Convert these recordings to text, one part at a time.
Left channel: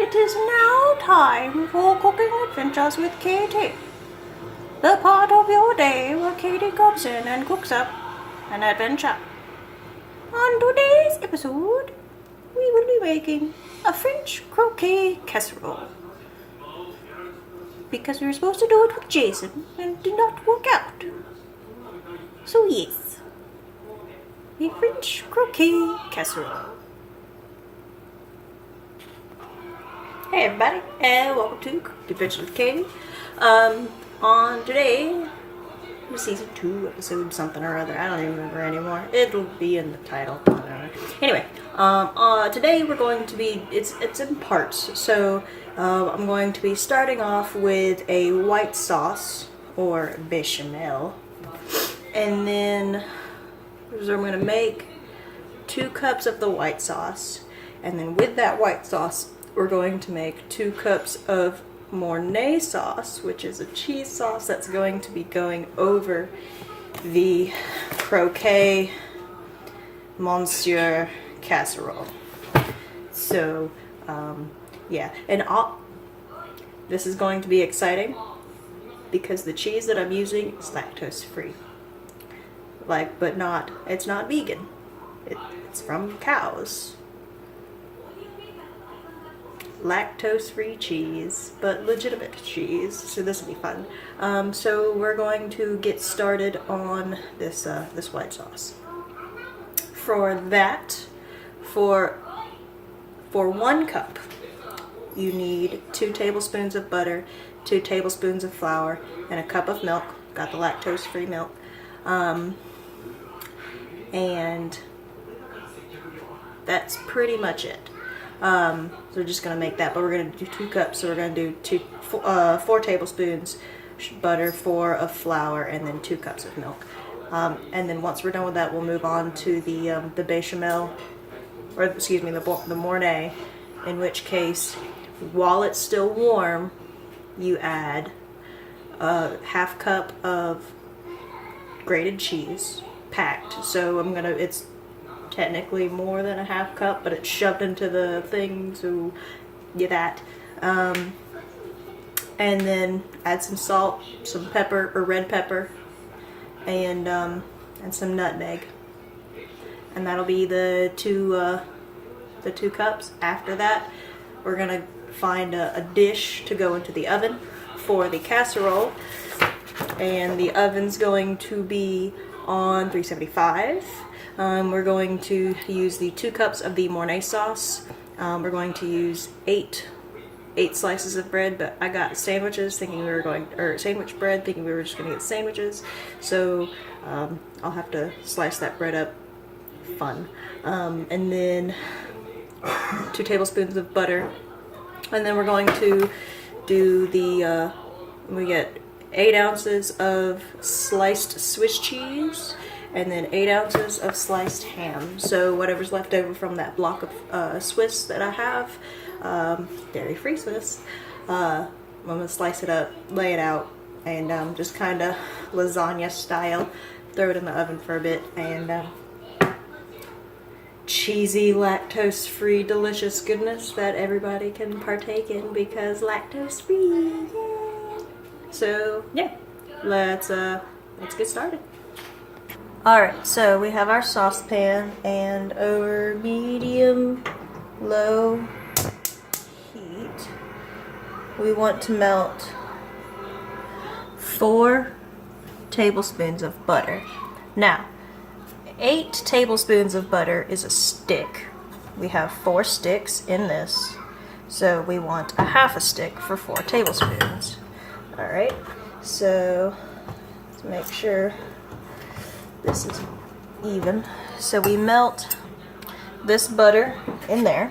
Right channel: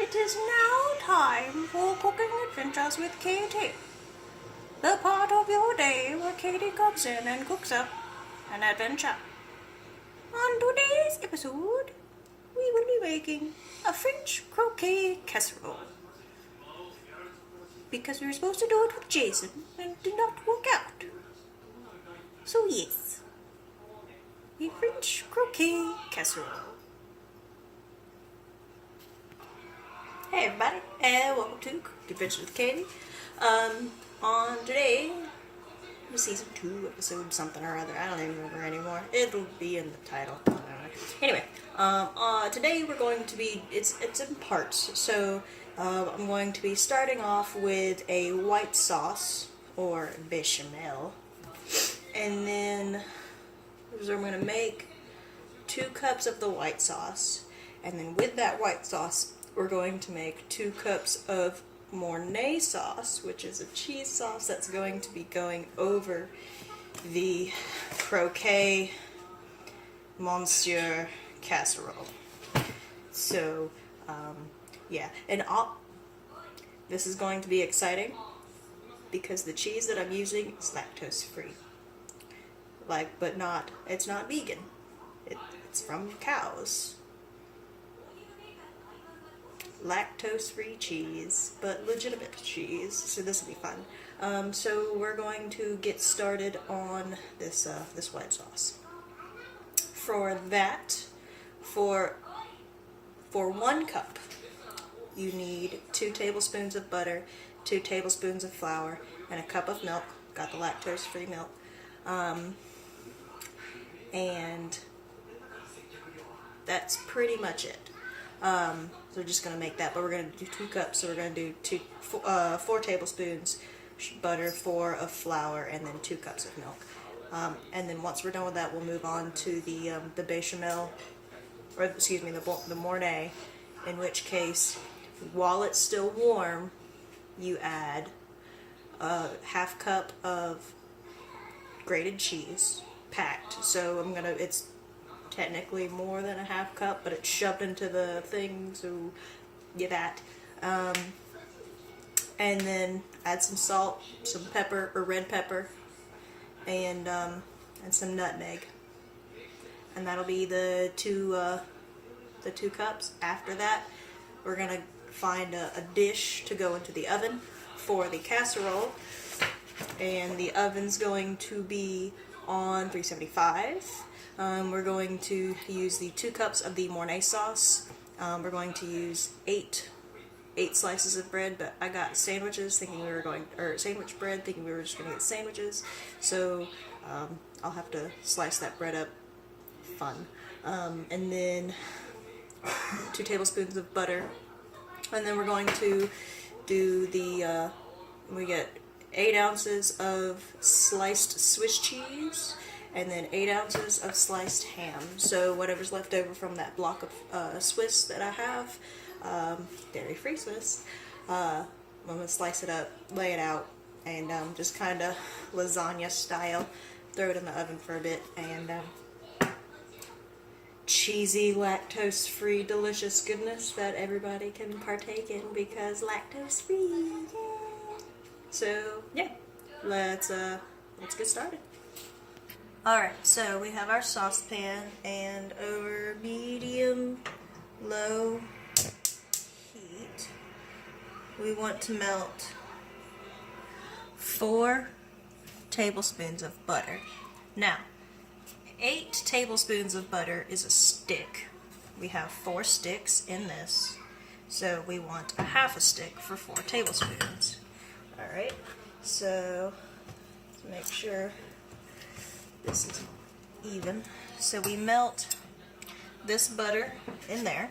It is now time for Cooking Adventures with Katie. The part of your day where Katie comes in and cooks up an adventure. On today's episode, we will be making a French croquet casserole. Because we were supposed to do it with Jason and it did not work out. So yes, a French croquet casserole. Hey everybody, and welcome to Cooking Adventures with Katie. On today, season 2, episode something or other. I don't even remember anymore. It'll be in the title. I don't know. Anyway, today we're going to be, it's in parts. So I'm going to be starting off with a white sauce or bechamel, and then I'm going to make 2 cups of the white sauce, and then with that white sauce we're going to make 2 cups of Mornay sauce, which is a cheese sauce that's going to be going over the Croquet Monsieur casserole. So, yeah, and this is going to be exciting because the cheese that I'm using is lactose free. But it's not vegan. It's from cows. Lactose-free cheese, but legitimate cheese, so this will be fun. So we're going to get started on this white sauce. For that, for 1 cup, you need 2 tablespoons of butter, 2 tablespoons of flour, and a cup of milk. Got the lactose-free milk, and that's pretty much it. So we're just going to make that, but we're going to do 2 cups, so we're going to do 4 tablespoons butter, 4 of flour, and then 2 cups of milk. And then once we're done with that, we'll move on to the bechamel, or excuse me, the Mornay, in which case, while it's still warm, you add a ½ cup of grated cheese, packed. So it's technically more than a ½ cup, but it's shoved into the thing, so get that. And then add some salt, some pepper or red pepper, and some nutmeg, and that'll be the 2 cups. After that, we're gonna find a dish to go into the oven for the casserole, and the oven's going to be on 375. We're going to use the 2 cups of the Mornay sauce. We're going to use 8 slices of bread, but I got sandwiches thinking we were sandwich bread thinking we were just going to get sandwiches. So I'll have to slice that bread up. Fun. And then 2 tablespoons of butter. And then we're going to do we get 8 ounces of sliced Swiss cheese, and then 8 ounces of sliced ham. So whatever's left over from that block of Swiss that I have, dairy-free Swiss, I'm going to slice it up, lay it out, and just kind of lasagna style, throw it in the oven for a bit, and cheesy, lactose-free, delicious goodness that everybody can partake in because lactose-free. Yeah. So yeah, let's get started. Alright, so we have our saucepan, and over medium-low heat, we want to melt 4 tablespoons of butter. Now, 8 tablespoons of butter is a stick. We have 4 sticks in this, so we want a ½ stick for 4 tablespoons. Alright, so let's make sure this is even. So we melt this butter in there,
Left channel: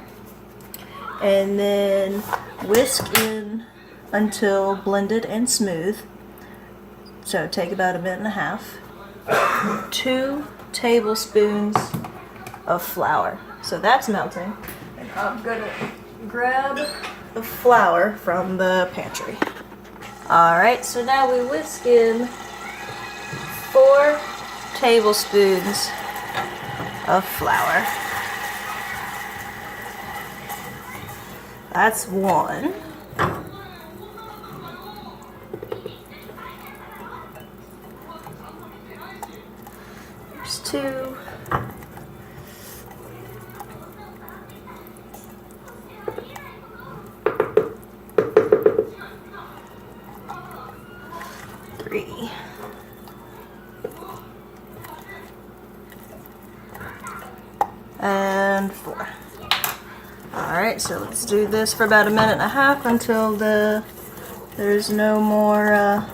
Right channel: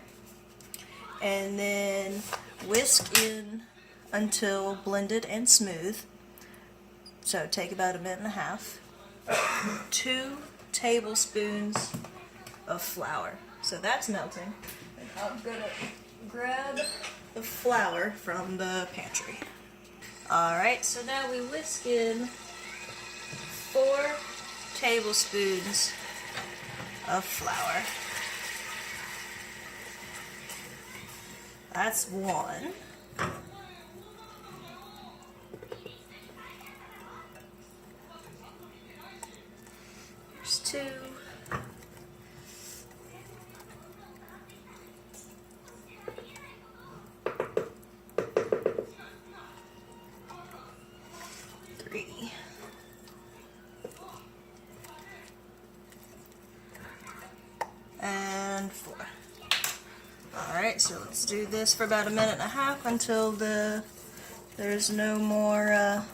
and then whisk in until blended and smooth. So take about a minute and a half. 2 tablespoons of flour. So that's melting, and I'm gonna grab the flour from the pantry. Alright, so now we whisk in 4 tablespoons of flour. that's one. There's two. Three. And four. Alright, so let's do this for about 1.5 minutes until there's no more,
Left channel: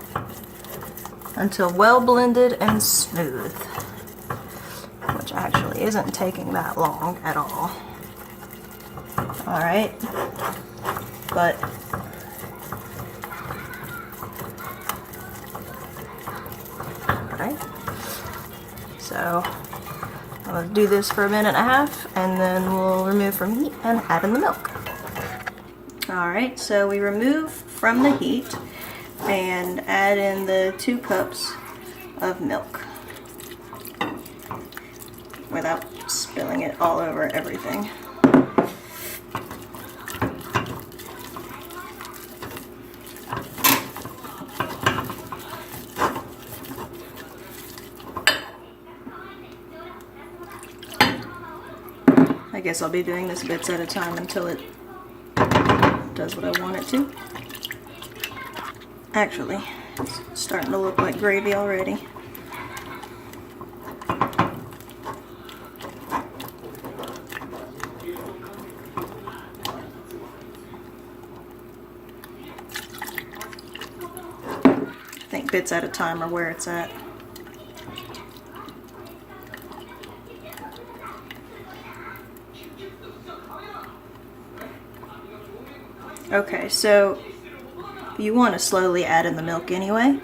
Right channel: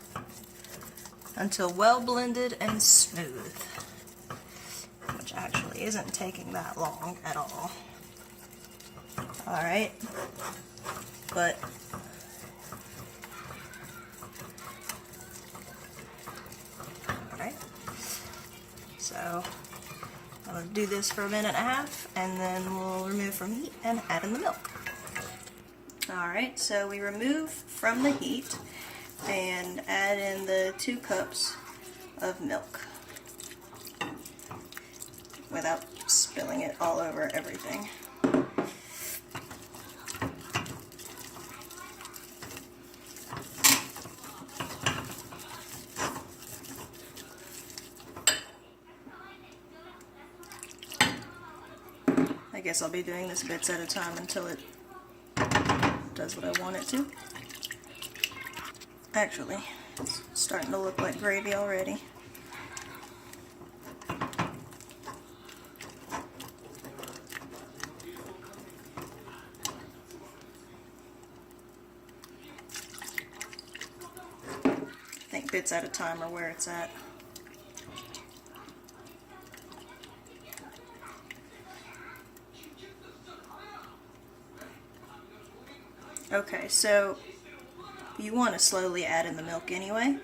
until well blended and smooth. Which actually isn't taking that long at all. Alright, but so I'm going to do this for 1.5 minutes and then we'll remove from heat and add in the milk. Alright, so we remove from the heat and add in the 2 cups of milk without spilling it all over everything. I guess I'll be doing this bits at a time until it does what I want it to. Actually, it's starting to look like gravy already. I think bits at a time are where it's at. Okay, so you want to slowly add in the milk anyway.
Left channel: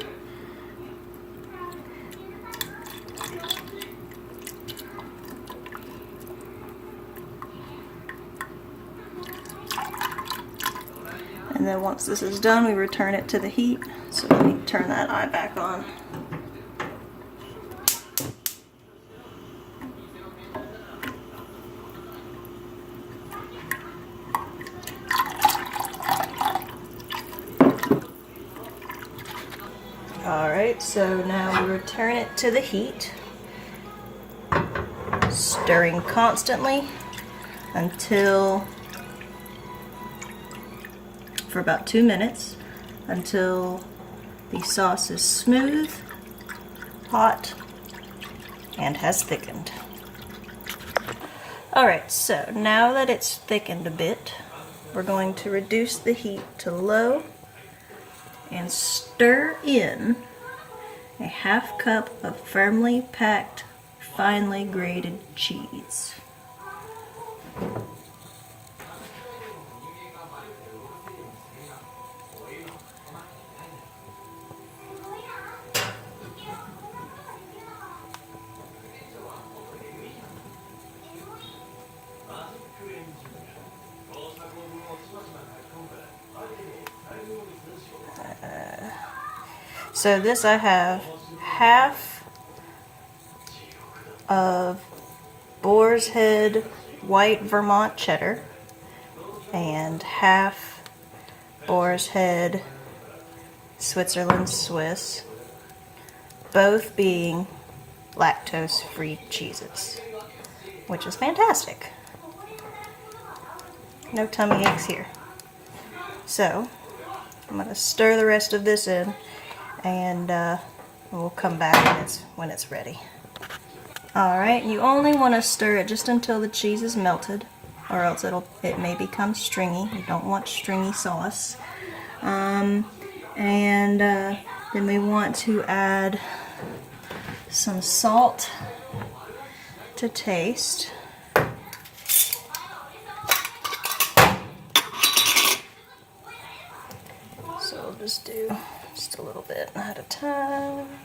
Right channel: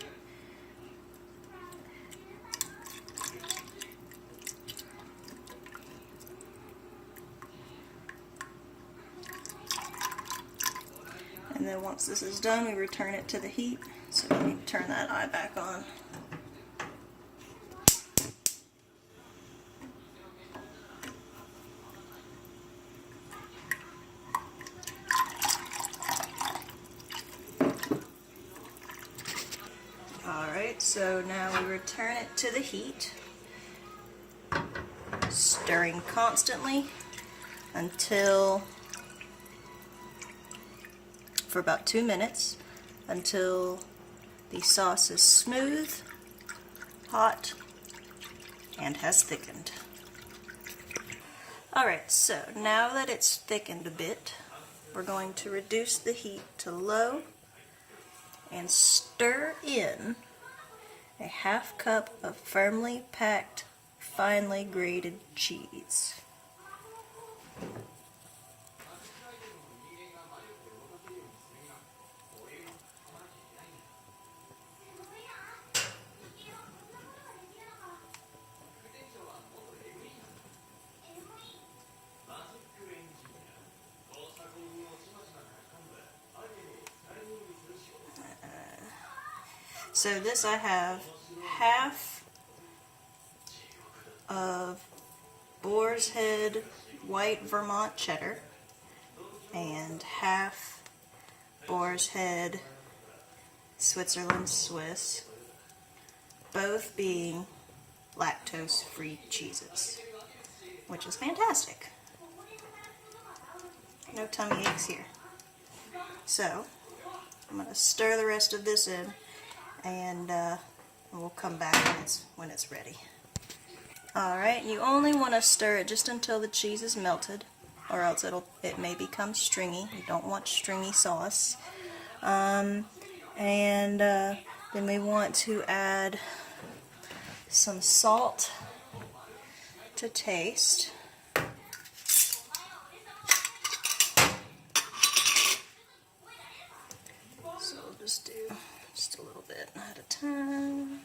And then once this is done, we return it to the heat. So let me turn that eye back on. Alright, so now we return it to the heat, stirring constantly until, for about 2 minutes, until the sauce is smooth, hot, and has thickened. Alright, so now that it's thickened a bit, we're going to reduce the heat to low and stir in a 1/2 cup of firmly packed, finely grated cheese. So this I have 1/2 of Boar's Head white Vermont cheddar and 1/2 Boar's Head Switzerland Swiss, both being lactose-free cheeses, which is fantastic. No tummy aches here. So I'm going to stir the rest of this in, and we'll come back when it's ready. Alright, you only want to stir it just until the cheese is melted, or else it may become stringy. You don't want stringy sauce. Then we want to add some salt to taste. So we'll just do just a little bit at a time.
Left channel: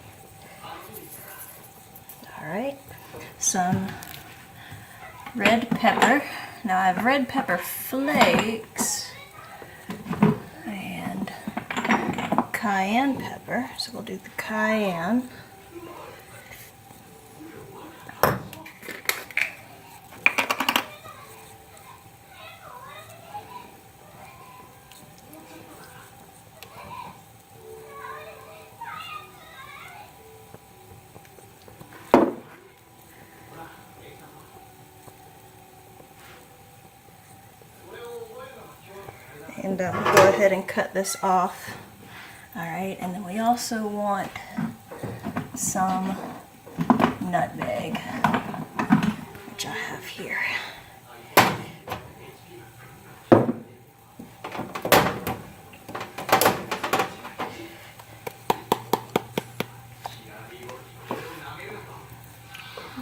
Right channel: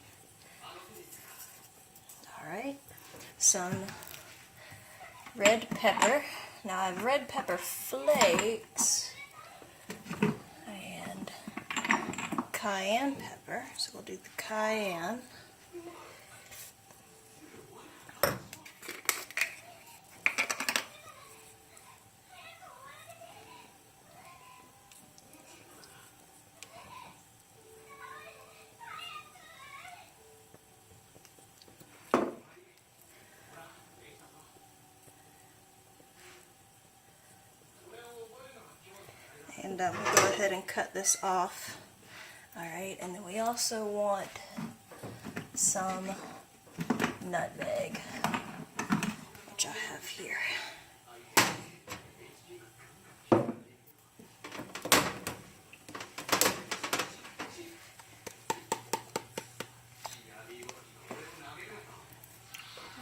Alright, some red pepper. Now I have red pepper flakes and cayenne pepper, so we'll do the cayenne. And go ahead and cut this off. Alright, and then we also want some nutmeg, which I have here.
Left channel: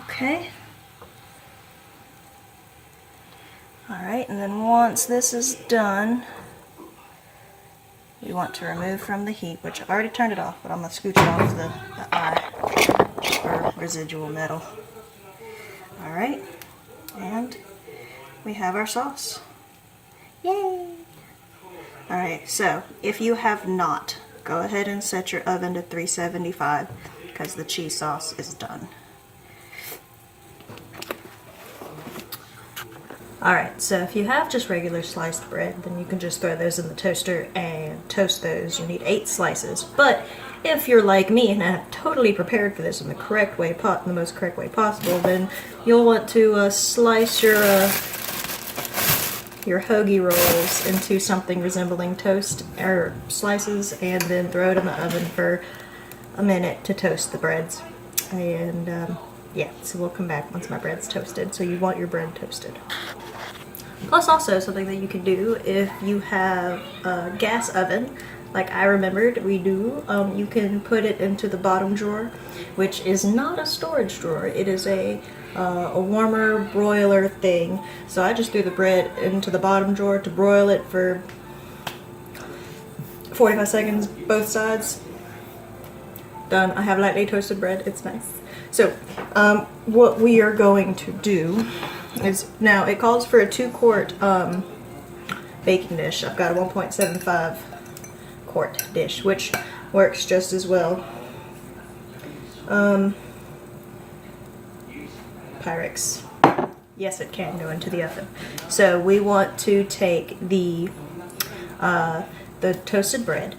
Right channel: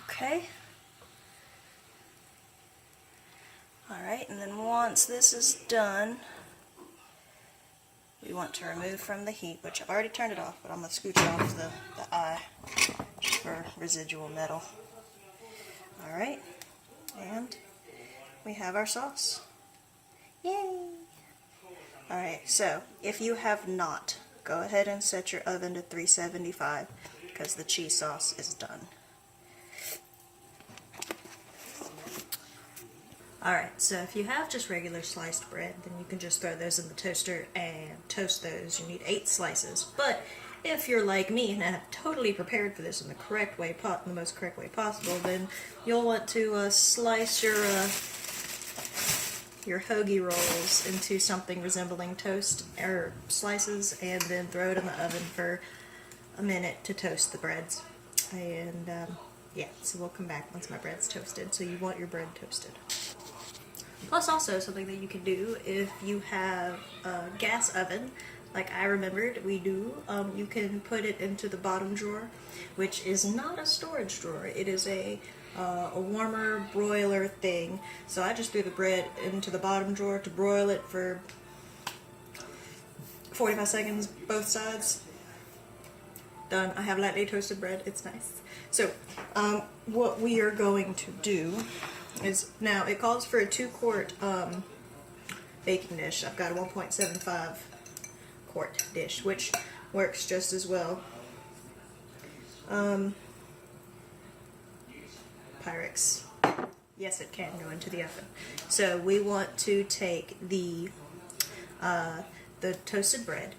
Okay. Alright, and then once this is done, we want to remove from the heat, which I already turned it off, but I'm going to scooch it off the eye or residual metal. Alright, and we have our sauce. Yay! Alright, so if you have not, go ahead and set your oven to 375 because the cheese sauce is done. Alright, so if you have just regular sliced bread, then you can just throw those in the toaster and toast those. You need 8 slices. But if you're like me and have totally prepared for this in the correct way, the most correct way possible, then you'll want to slice your hoagie rolls into something resembling toast or slices, and then throw it in the oven for a minute to toast the breads. And yeah, so we'll come back once my bread's toasted. So you want your bread toasted. Plus also something that you can do if you have a gas oven, like I remembered we do, you can put it into the bottom drawer, which is not a storage drawer. It is a warmer broiler thing. So I just threw the bread into the bottom drawer to broil it for 45 seconds, both sides. Done. I have lightly toasted bread. It's nice. So what we are going to do is, now it calls for a 2-quart baking dish. I've got a 1.75 quart dish, which works just as well. Pyrex. Yes, it can go into the oven. So we want to take the toasted bread.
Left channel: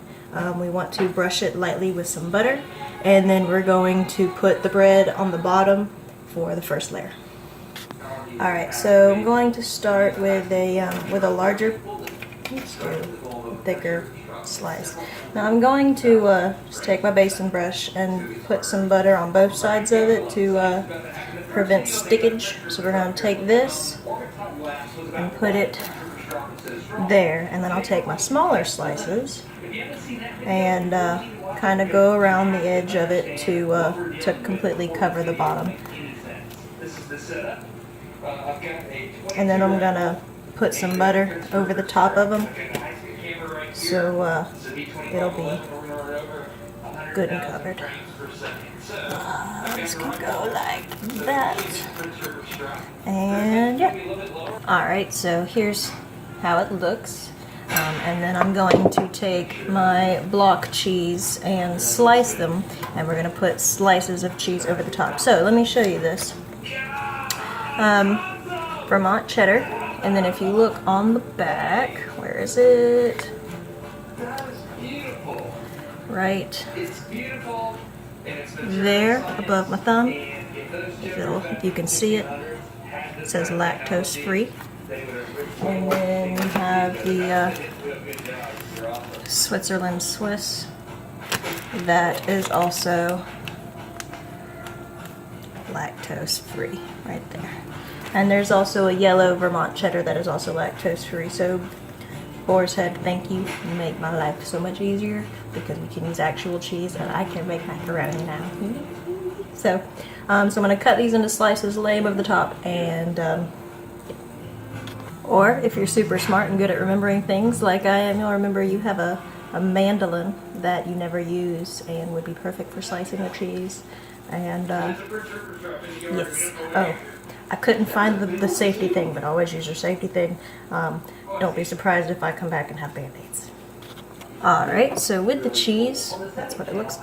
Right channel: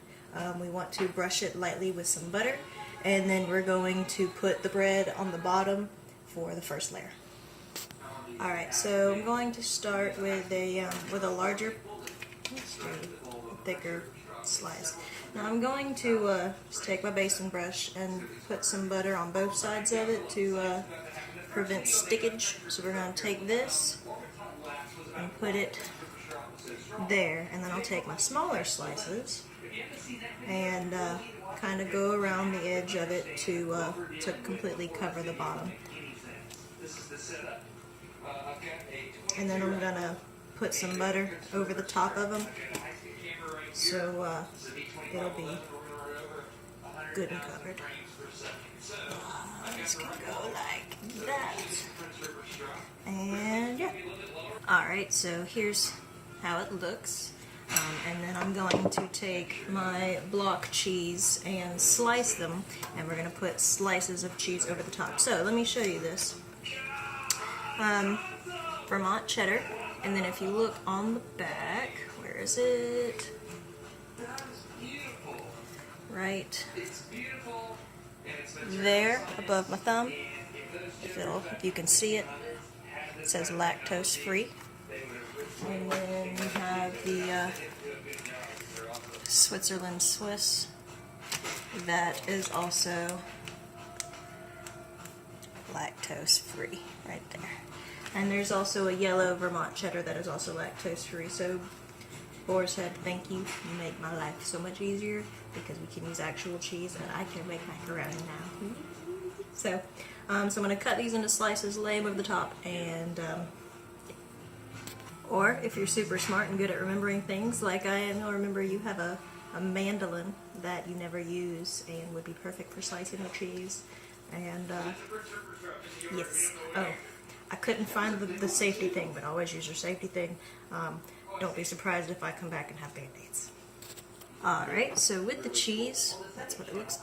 We want to brush it lightly with some butter, and then we're going to put the bread on the bottom for the first layer. Alright, so I'm going to start with a larger, let's do a thicker slice. Now I'm going to just take my basin brush and put some butter on both sides of it to prevent stickage. So we're going to take this and put it there, and then I'll take my smaller slices and kind of go around the edge of it to completely cover the bottom. And then I'm gonna put some butter over the top of them, so it'll be good and covered. This can go like that. And yeah. Alright, so here's how it looks. And then I'm going to take my block cheese and slice them, and we're going to put slices of cheese over the top. So let me show you this. Vermont cheddar, and then if you look on the back, where is it? Right there above my thumb, if you can see it, it says lactose free. And then you have the Switzerland Swiss, that is also lactose free right there. And there's also a yellow Vermont cheddar that is also lactose free. So Boar's Head, thank you. You make my life so much easier because we can use actual cheese and I can make macaroni now. So I'm going to cut these into slices, lay them over the top, and or if you're super smart and good at remembering things like I am, you'll remember you have a mandolin that you never use and would be perfect for slicing the cheese. And yes. Oh, I couldn't find the safety thing, but always use your safety thing. Don't be surprised if I come back and have Band-Aids. Alright, so with the cheese, that's what it looks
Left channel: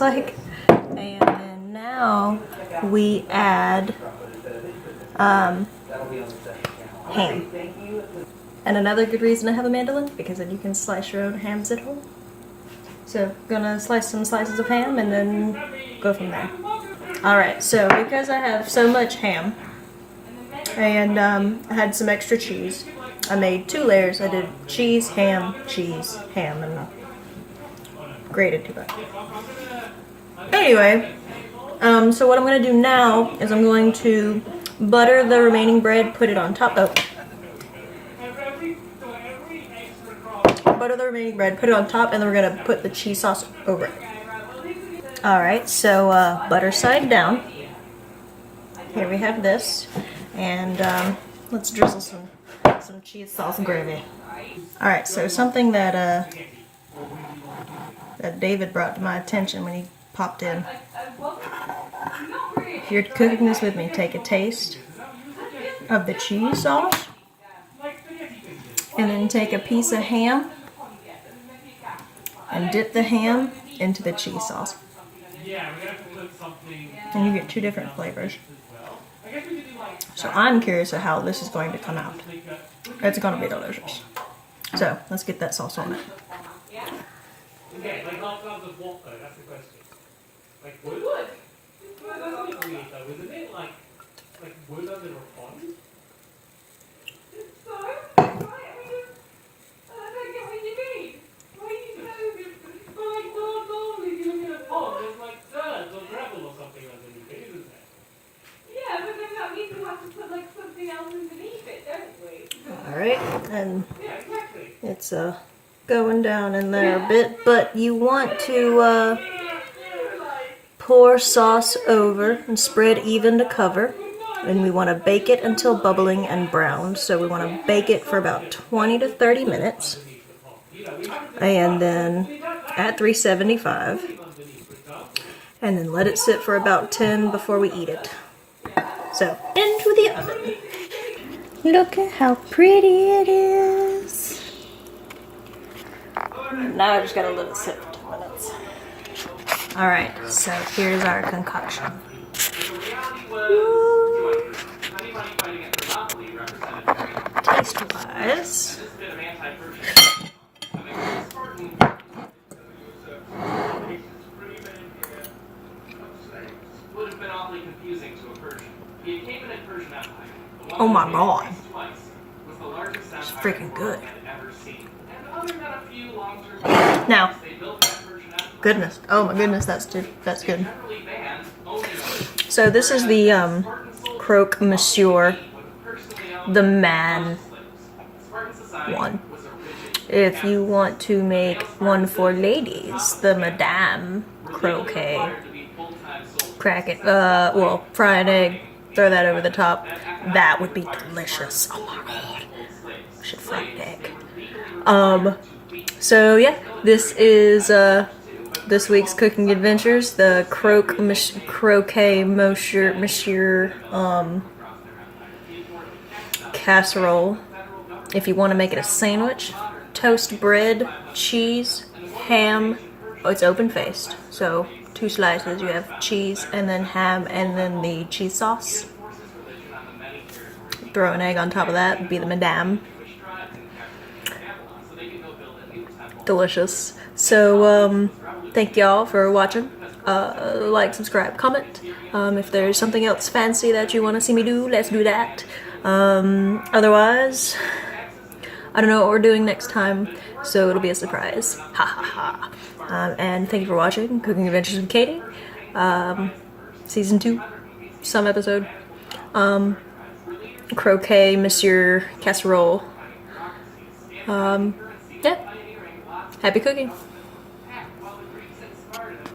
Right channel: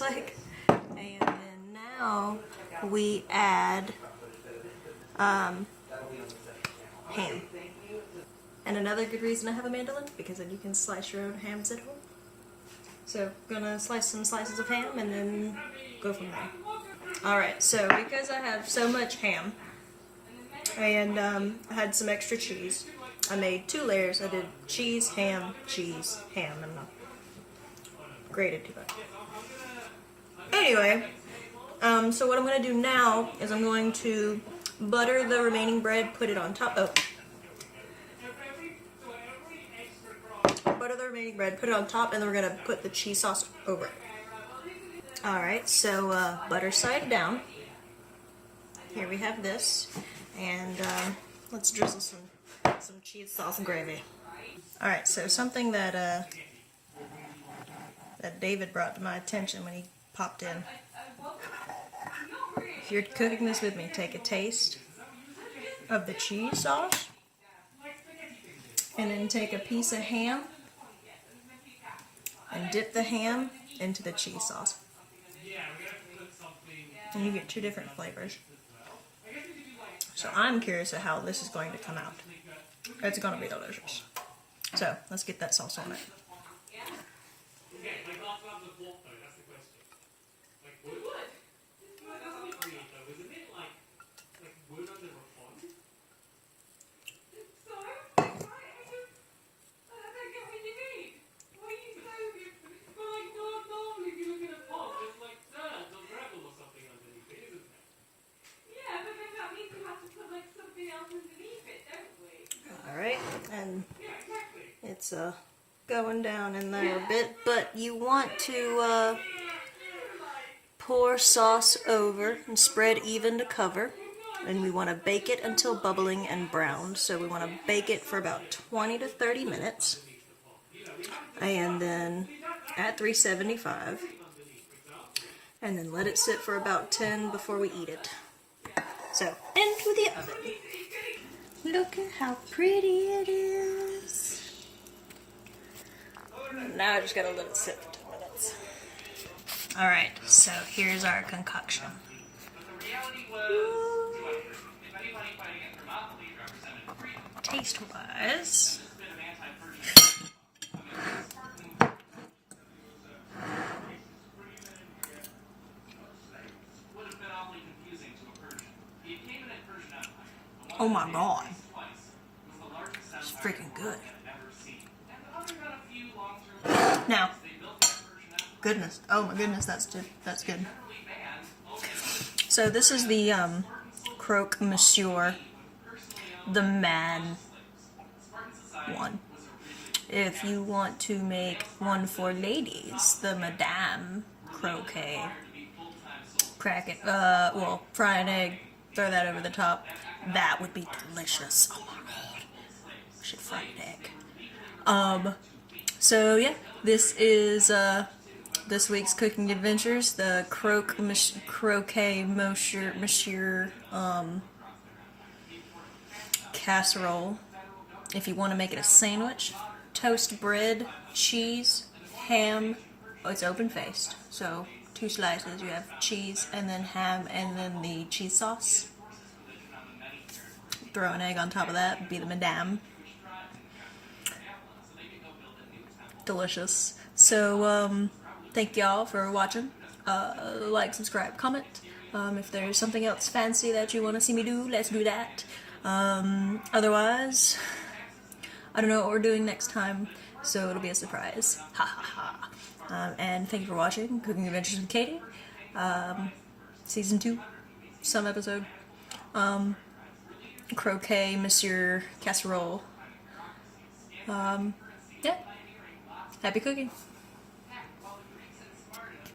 like. And then now we add ham. And another good reason I have a mandolin, because then you can slice your own hams at home. So gonna slice some slices of ham and then go from there. Alright, so because I have so much ham and I had some extra cheese, I made 2 layers. I did cheese, ham, and grated 2 butter. Anyway, so what I'm going to do now is I'm going to butter the remaining bread, put it on top. Butter the remaining bread, put it on top, and then we're going to put the cheese sauce over it. Alright, so butter side down. Here we have this. And let's drizzle some cheese sauce gravy. Alright, so something that that David brought to my attention when he popped in. If you're cooking this with me, take a taste of the cheese sauce, and then take a piece of ham and dip the ham into the cheese sauce. And you get 2 different flavors. So I'm curious of how this is going to come out. It's going to be delicious. So let's get that sauce on it. Okay, like half pounds of what though? That's the question. Like wood? That's a bit weird though, isn't it? Like wood under a pond? So? I don't get what you mean. Why are you so but like normally if you look at a pond, there's like dirt or gravel or something underneath it, isn't there? Yeah, but then that means we have to put like something else underneath it, don't we? Alright, and yeah, exactly. It's going down in there a bit, but you want to pour sauce over and spread even to cover, and we want to bake it until bubbling and brown. So we want to bake it for about 20 to 30 minutes, and then at 375, and then let it sit for about 10 before we eat it. So into the oven. Look at how pretty it is. Now I just gotta let it sit for 2 minutes. Alright, so here's our concoction. Taste-wise, oh my god, it's freaking good. Now, goodness, oh my goodness, that's good. So this is the Croquet Monsieur, the man one. If you want to make one for ladies, the Madame Croquet, crack it, well, fry an egg, throw that over the top. That would be delicious. Oh my god, I should fry an egg. So yeah, this is this week's cooking adventures, the Croquet Monsieur casserole. If you want to make it a sandwich, toast bread, cheese, ham. Oh, it's open faced, so 2 slices. You have cheese and then ham and then the cheese sauce. Throw an egg on top of that, would be the Madame. Delicious. So thank y'all for watching. Like, subscribe, comment. If there's something else fancy that you want to see me do, let's do that. Otherwise, I don't know what we're doing next time, so it'll be a surprise. Ha ha ha. And thank you for watching Cooking Adventures with Katie. Season 2, some episode. Croquet Monsieur Casserole. Yeah. Happy cooking.